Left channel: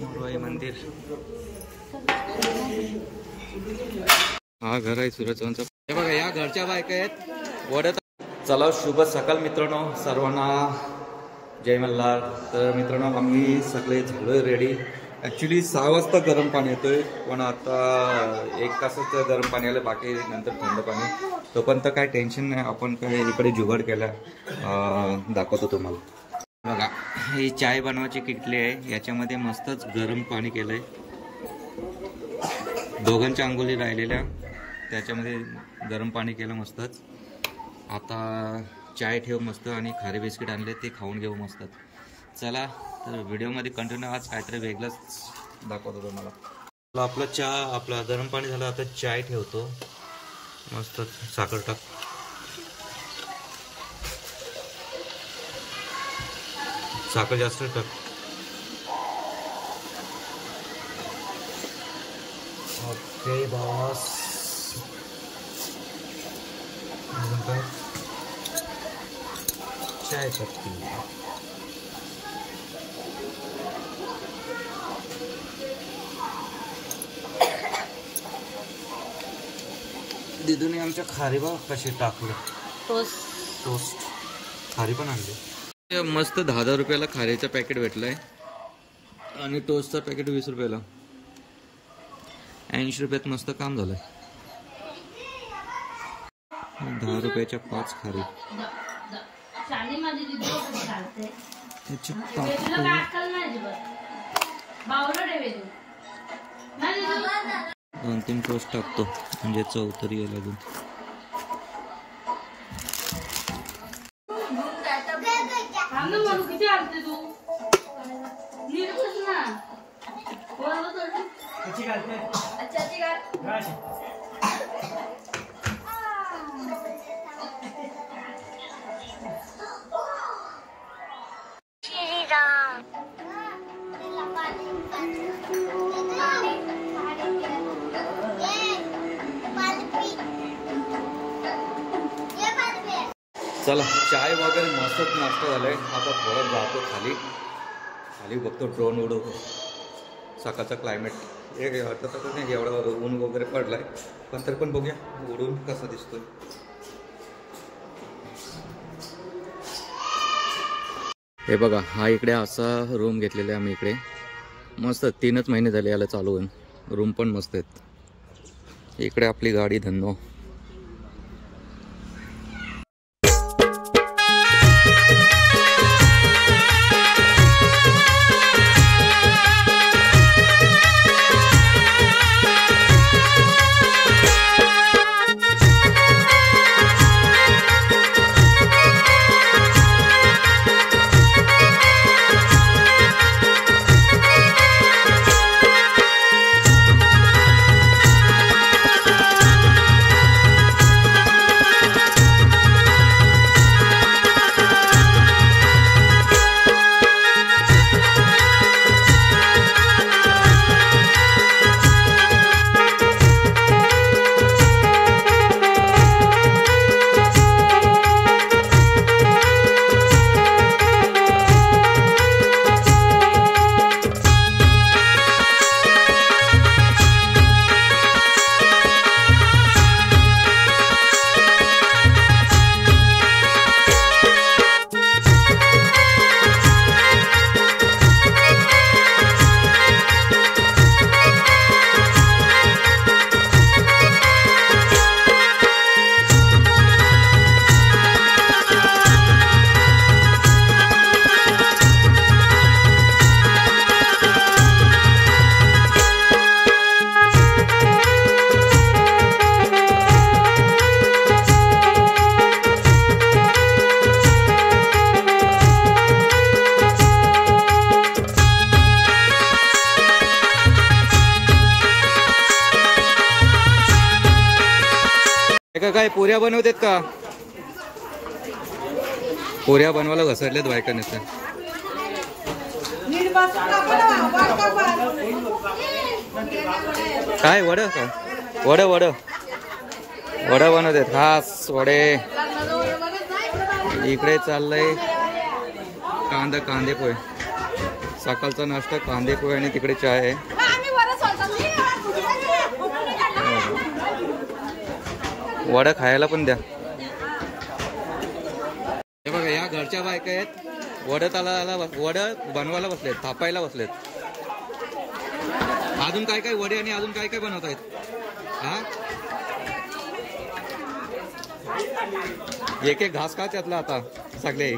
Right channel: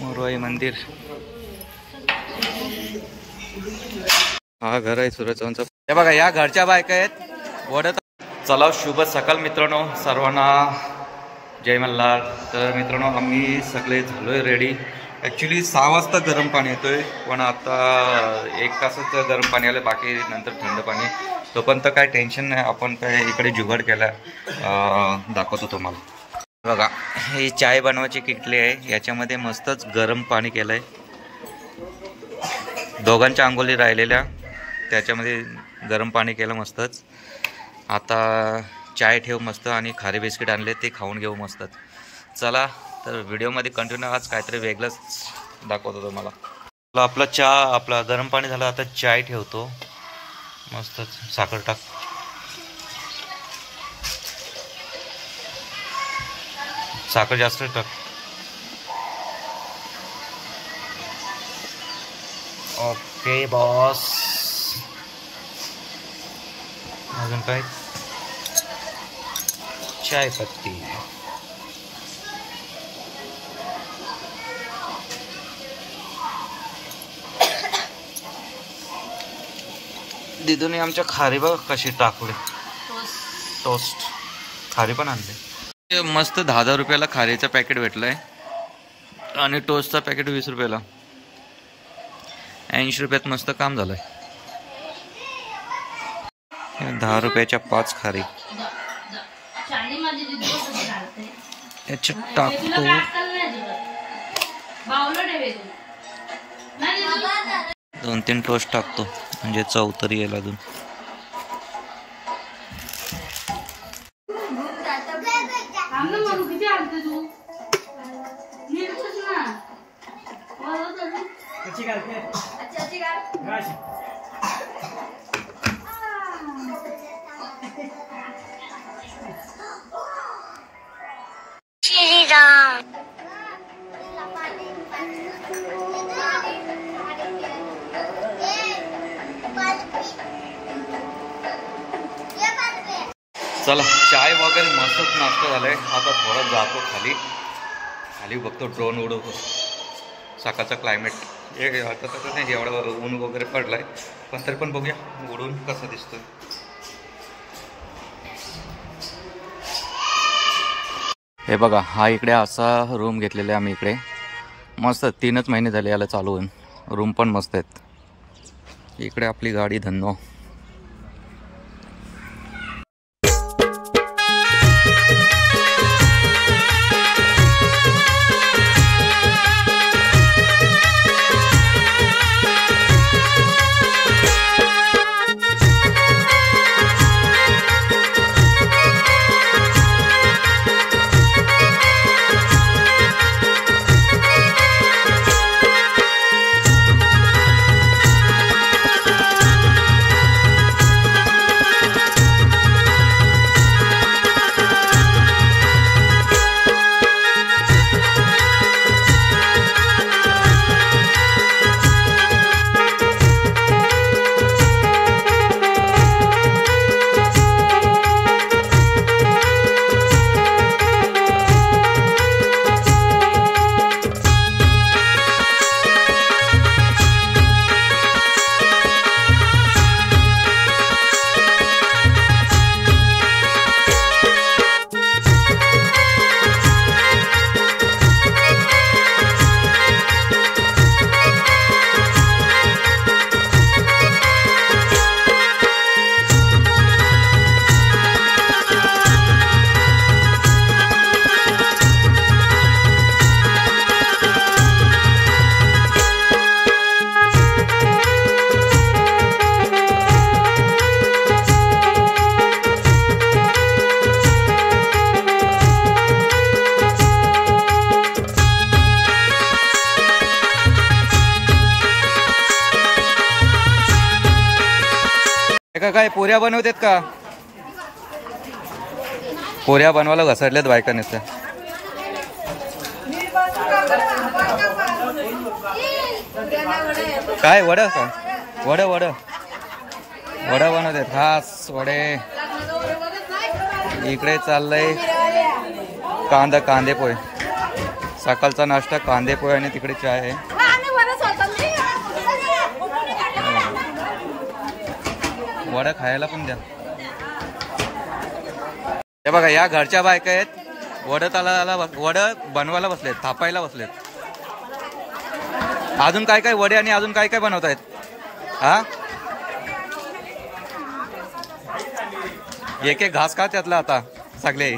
मोरवाई मंदिर, हा घर आहे सूर्यचव्हाणचा। हे बघा या घरच्या बायका आहेत वडत। चला शुभ सकाळ मित्रांनो, सर्वांना जय मल्हार। तर मित्रांनो आम्ही सगळे झालोय रेडी। ॲक्च्युली 6 वाजता गरम पाणी येतोय, पण आता 1 तासच गरम पाणी आलं, बाकी नंतर थंड पाणी। तोपर्यंत काय टेन्शन नाही, आपण काय इकडे जुगाड केला दाखवतो तुम्हाला। बघा ही चाय बनवायची किटली आहे, याच्यामध्ये मस्तच गरम पाणी केलं आहे। दोघांच्या अंघोळी राहिलेल्या त्याच्यामध्ये गरम पाणी केलं मस्तच। आता चाय ठेव मस्त आणि खारे बिस्किट आणले ते खाऊन घेऊ मस्त। चला तर व्हिडिओमध्ये कंटिन्यू, आज काहीतरी वेगळंच दाखवतो तुम्हाला। आपला गरम पाणी झालं, आता चाय ठेवतो मस्त। साखर टाक, साखर जास्त टाक। ओके बॉस, अजून काय? चाय पत्ती। दिदूने आमच्या खारी बघा कशी टाकले, टोस्ट खारी पण आणले। मस्त 10-10 रुपयाला खारीचं पॅकेट भेटलंय आणि टोस्टचं पॅकेट 20 रुपयाला। 80 रुपयात मस्त काम झालंय। 10 रुपयाच्या 5 खारी याच्यात टाकतो। 2-3 टोस्ट टाकतो म्हणजे चव तरी येईल अजून। चला चाय वगैरे मस्तच नाश्ता झालाय। आता थोडं जातो खाली बघतो, ड्रोन उडवतो। सकाळचा क्लायमेट आता तर नाही एवढा ऊन वगैरे पडलाय, पण तरी पण बघूया उडून कसं दिसतोय। हे बघा हा इकडे असा रूम घेतलेला आहे आम्ही इकडे, मस्त 3च महिने झाले याला चालू होऊन। रूम पण मस्त आहेत। इकडे आपली गाडी धन्नो। काय पोऱ्या बनवतात का? पोऱ्या बनवायला घसरल्यात बायकांनी त्या। काय वड का? वड बनवतात खास वडे। इकडे चाललंय कांदे पोहे। सकाळचा नाश्ता कांदे पोहे आणि तिकडे चहा आहे. वडा खायला पण द्या. हे बघा या घरच्या बायका आहेत. वड बनवायला बसलेत, थापायला बसलेत. अजून काय काय वडे आणि अजून काय काय बनवतायत? हा एक एक घास खा त्यातला आता सगळे.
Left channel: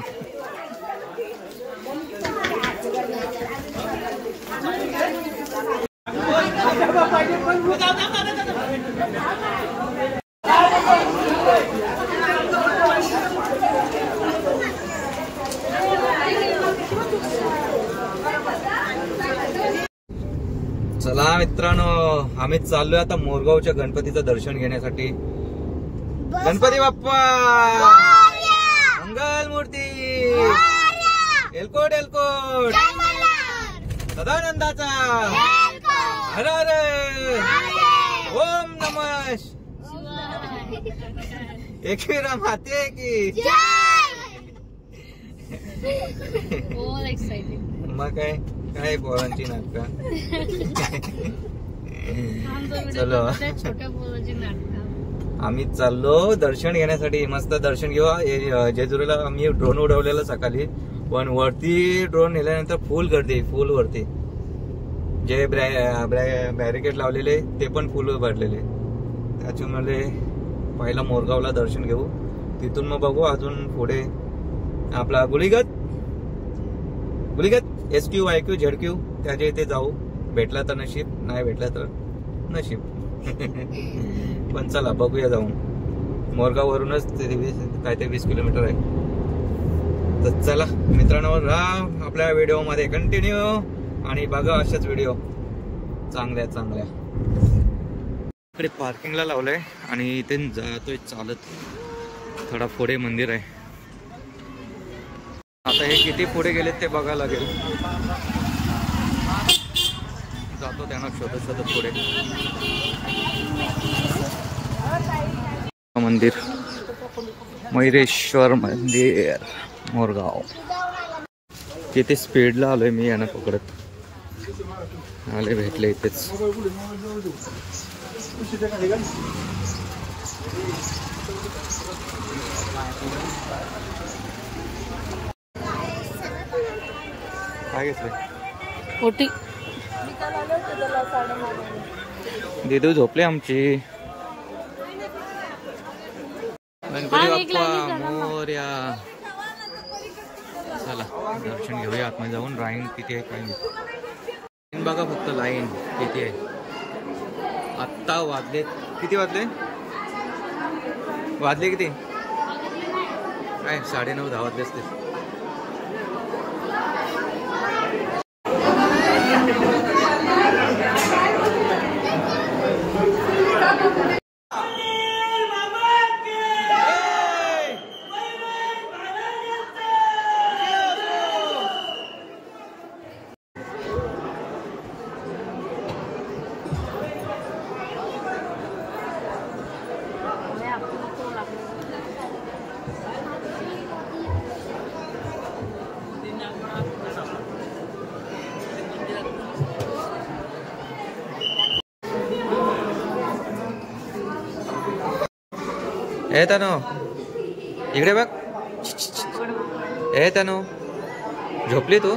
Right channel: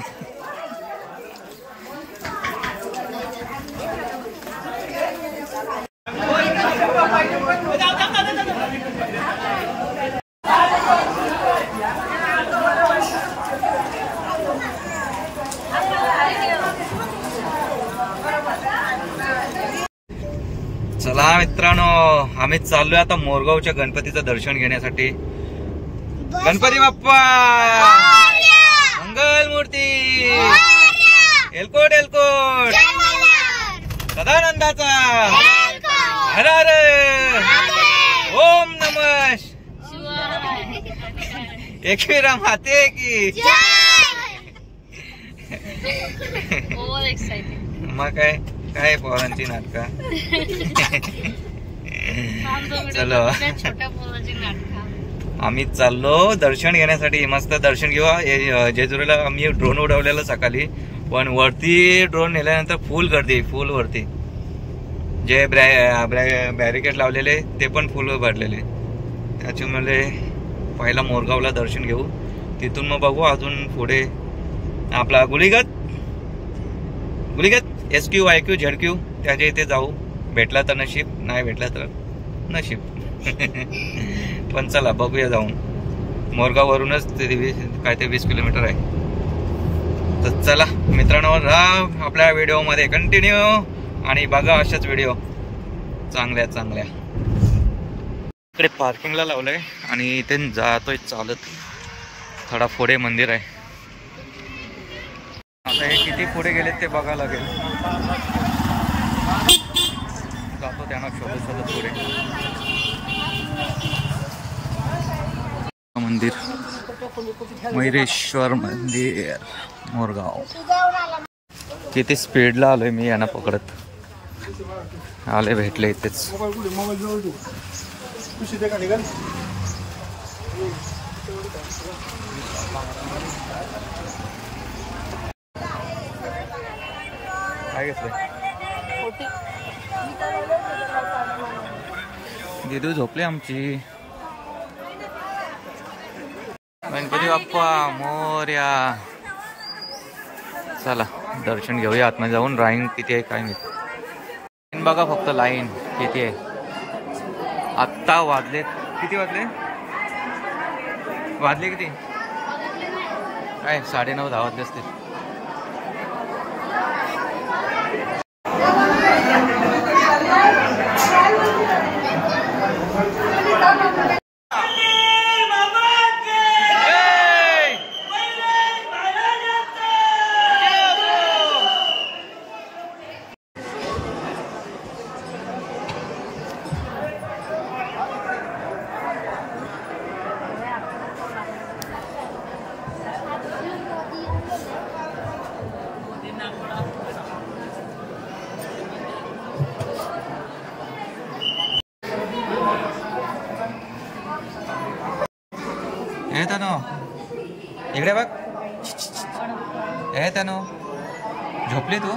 चला मित्रांनो, आम्ही चाललोय आता मोरगावच्या गणपतीचं दर्शन घेण्यासाठी. गणपती बाप्पा मंगल मूर्ती, एलकोट एलकोट सदानंदाचा हर हर ओम नमः एकविरा माते की. मग काय काय पोरांची नाटका. चलो आम्ही चाललो दर्शन घेण्यासाठी. मस्त दर्शन घेऊ. जेजुरीला आम्ही ड्रोन उडवलेलं सकाळी, पण वरती ड्रोन नेल्यानंतर फुल गर्दी, फुल वरती. जे बॅरिकेड लावलेले ते पण फुल भरलेले. त्याच्यामुळे पहिला मोरगावला दर्शन घेऊ, तिथून मग बघू अजून पुढे आपला गुलीगत SQ IQ ZQ त्याच्या इथे जाऊ. भेटला तर नशीब, नाही भेटला तर नशीब. पण चला बघूया जाऊन. मोरगाववरूनच काय ते 20 किलोमीटर आहे. तर चला मित्रांनो, राहा आपल्या व्हिडिओमध्ये कंटिन्यू आणि बघा अशाच व्हिडिओ चांगल्या चांगल्या. इकडे पार्किंगला लावलंय आणि इथे जातोय चालत. थोडा पुढे मंदिर आहे. आता हे किती पुढे गेलेत ते बघायला लागेल. जातो त्यांना शोधत शोधत पुढे. मंदिर मयुरेश्वर मंदिर मोरगाव. किती स्पीडला आलोय मी यांना पकडत. आले भेटले इथेच. काय घेतले? दिदू झोपले आमची. गणपती बाप्पा मोरया. चला दर्शन घेऊया आतमध्ये जाऊन. लाईन किती आहे काय नाही बघा, फक्त लाईन किती आहे. आत्ता वाजले किती? वाजले किती? काय 9:30-10 वाजले असतील. हे तनो इकडे बघ. हे तनो झोपली तू?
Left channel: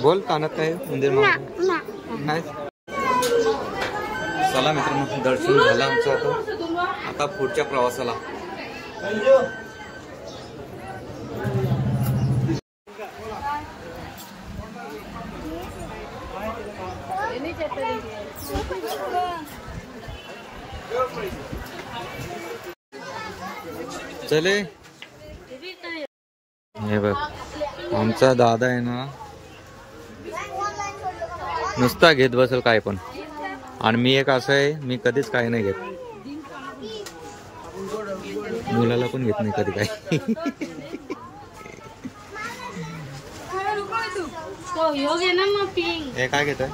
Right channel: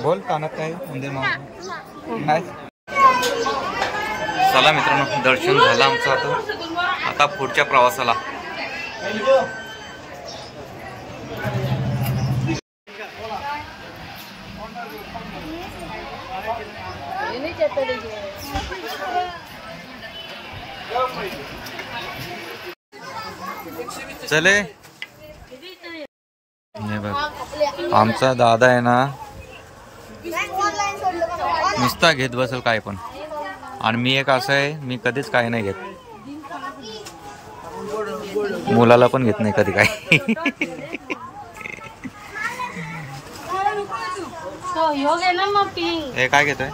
बोल कानात काय मंदिर नाही. चला मित्रांनो, दर्शन झालं आमचं. आता पुढच्या प्रवासाला. चले हे बघ, आमचा दादा आहे ना नुसता घेत बसेल काय पण. आणि मी एक असं आहे, मी कधीच काय नाही घेत. मुलाला पण घेत नाही कधी काय. हे काय घेतोय?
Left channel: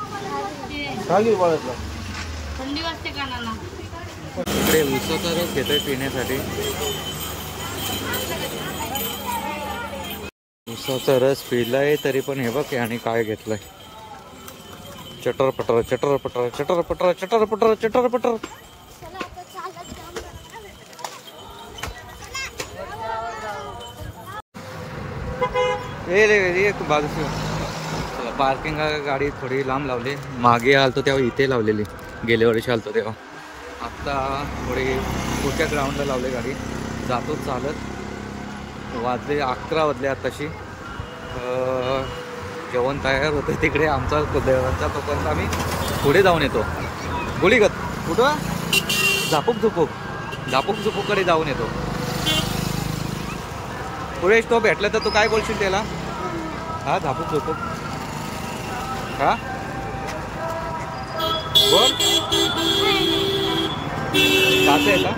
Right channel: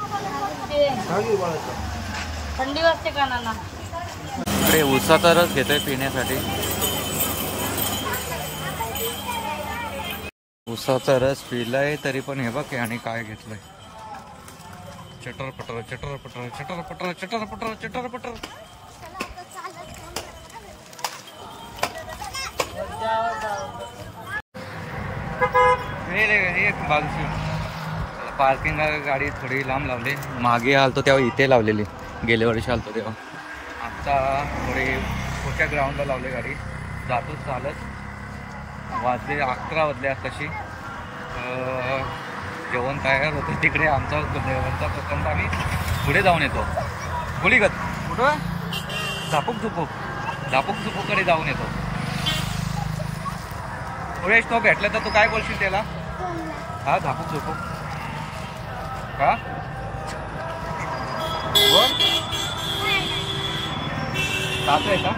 थंडी वाजते कानाला. इकडे उसाचा रस घेतोय पिण्यासाठी. उसाचा रस पिलाय तरी पण हे बघ आणि काय घेतलंय. चटर पटर चटर पटर चटर पटर चटर पटर चटर पटर. बाजूची पार्किंग गाडी थोडी लांब लावली. मागे आलतो तेव्हा इथे लावलेली, गेल्या वर्षी आलतो तेव्हा. आता थोडी पुढच्या ग्राउंडला लावली गाडी. जातो चालत. वाजले 11 वाजले आताशी. जेवण तयार होतं तिकडे आमचा देवांचा. तोपर्यंत आम्ही पुढे जाऊन येतो. गुलीगत कुठं झापूक झुपूककडे जाऊन येतो. पुढे तो भेटला तर तू काय बोलशील त्याला? हा झापूक झुपूक हा बोल. सासू आहे का?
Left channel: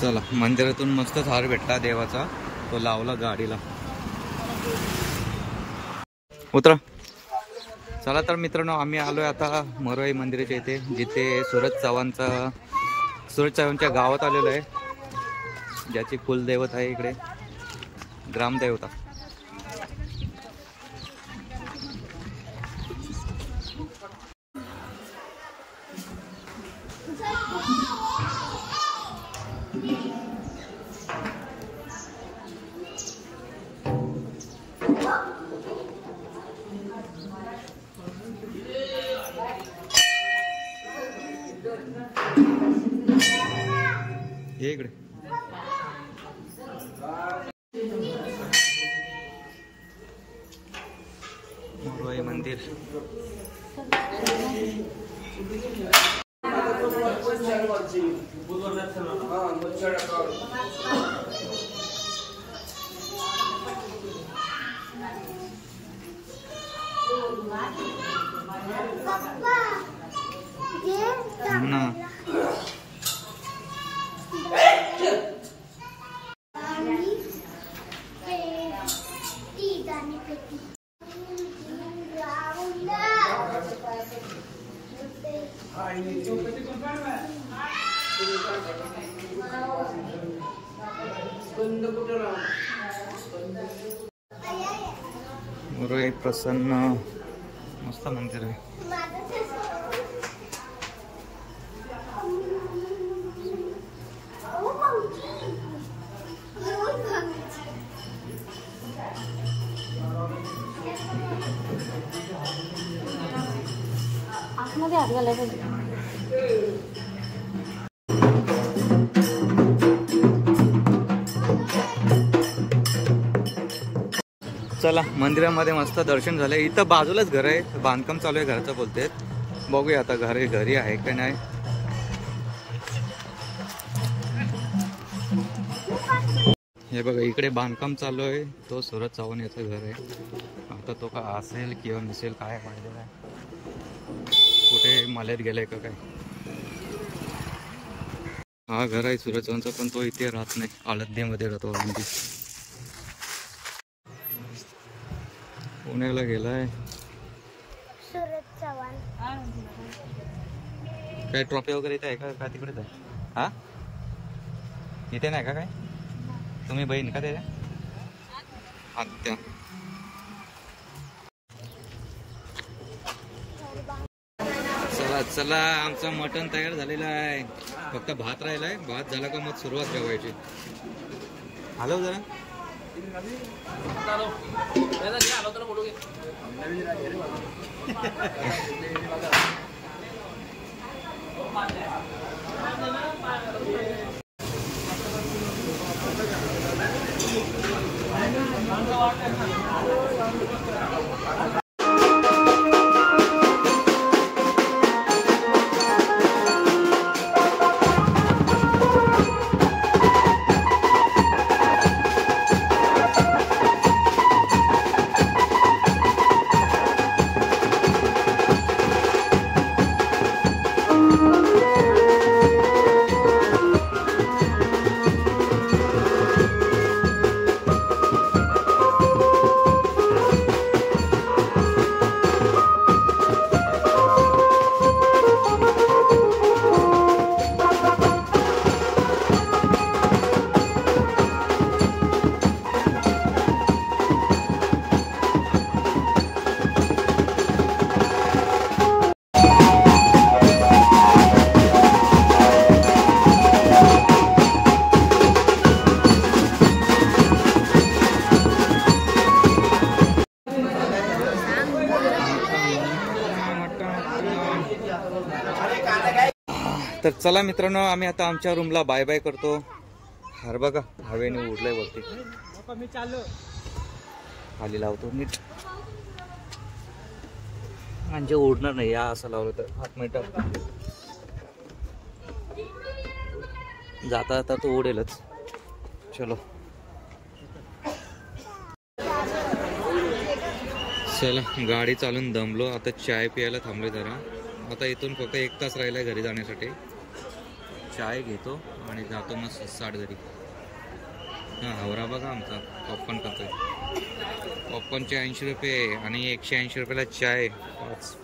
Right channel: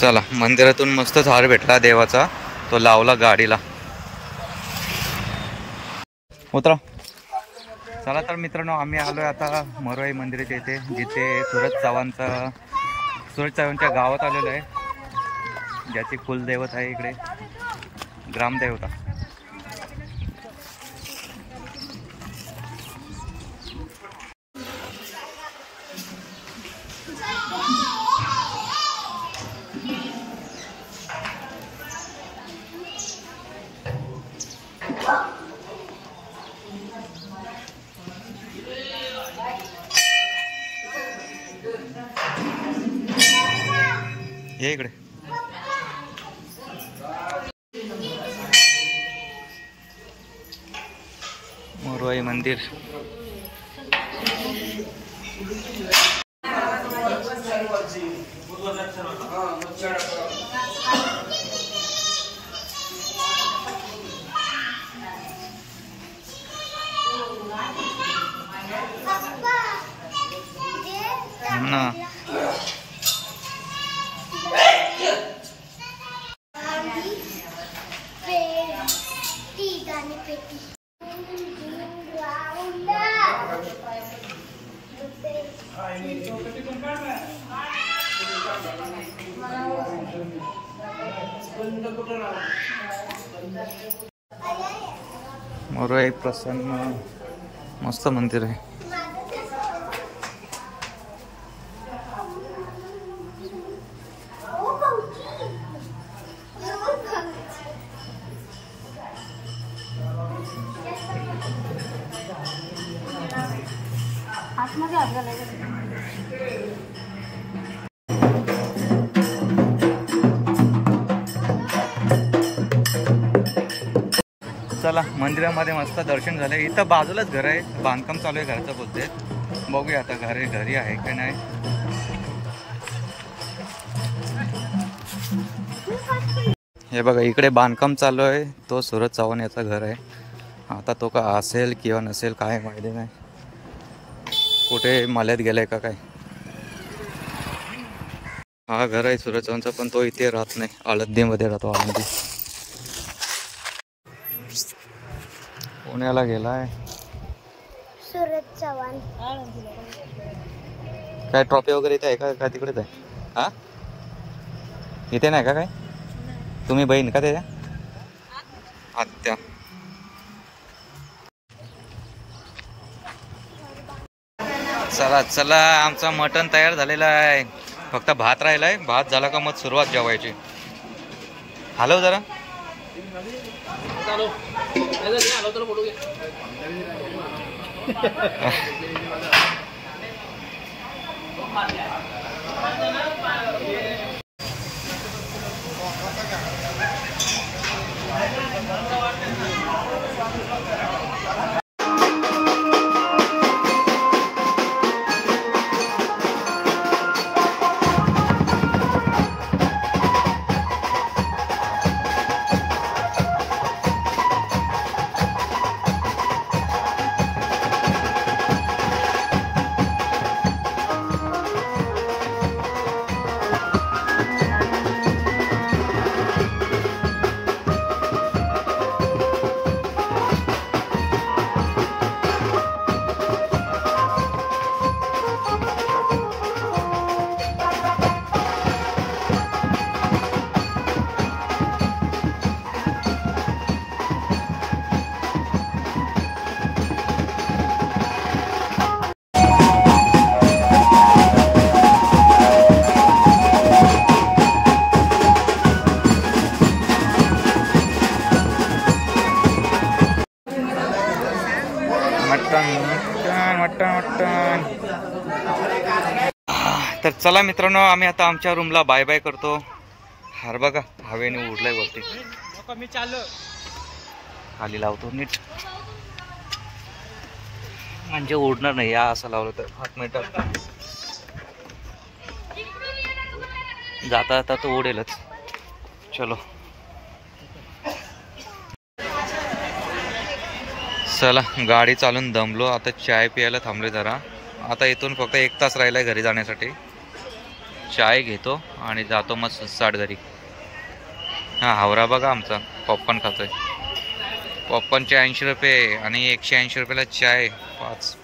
चला मंदिरातून मस्तच हार भेटला देवाचा. तो लावला गाडीला. उतरा. चला तर मित्रांनो आम्ही आलोय आता मरोई मंदिराच्या इथे, जिथे सूरज चव्हाणच्या गावात आलेलो आहे. ज्याची कुलदैवत आहे इकडे, ग्रामदेवता. ये इकडे. मोरवाई मंदिर. ना मोरवाई प्रसन्न मस्त मंदिर आहे. चला मंदिरामध्ये मस्त दर्शन झालं. इथं बाजूलाच घर आहे, बांधकाम चालू आहे घराचं बोलते. बघूया आता घरी आहे का नाही. हे बघा इकडे बांधकाम चालू आहे. तो सूरज चव्हाण याचा घर आहे. आता तो का असेल किंवा नसेल काय माहिती नाही. कुठे मल्यात गेलाय का काय. हा घर आहे सूरज चव्हाणचा, पण तो इथे राहत नाही. आळंदीमध्ये राहतो. आळंदी पुण्याला गेलाय. सूरज चव्हाण काय ट्रॉफी वगैरे इथे आहे का तिकडेच आहे? हा इथे नाही का काय? तुम्ही बहीण का त्याच्या? आत्या. चला चला आमचा मटण तयार झालेला आहे. फक्त भात राहिलाय. भात झाला का मग सुरुवात जेवायची. हॅलो जरा तर चला मित्रांनो, आम्ही आता आमच्या रूमला बाय बाय करतो. हार बघा हवेने उडलाय वरती. मी चाललो खाली लावतो नीट, म्हणजे उडणार नाही. या असं लावलं तर हात मीटर जाता जाता तो उडेलच. चलो चला, गाडी चालून दमलो आता. चाय प्यायला थांबलोय जरा. आता इथून फक्त 1 तास राहिलाय घरी जाण्यासाठी. चाय घेतो आणि जातो मग सुसाट घरी. हा हावरा बघा आमचा पॉपकॉर्न खातोय. पॉपकॉर्नचे 80 रुपये आणि 180 रुपयाला चाय. 5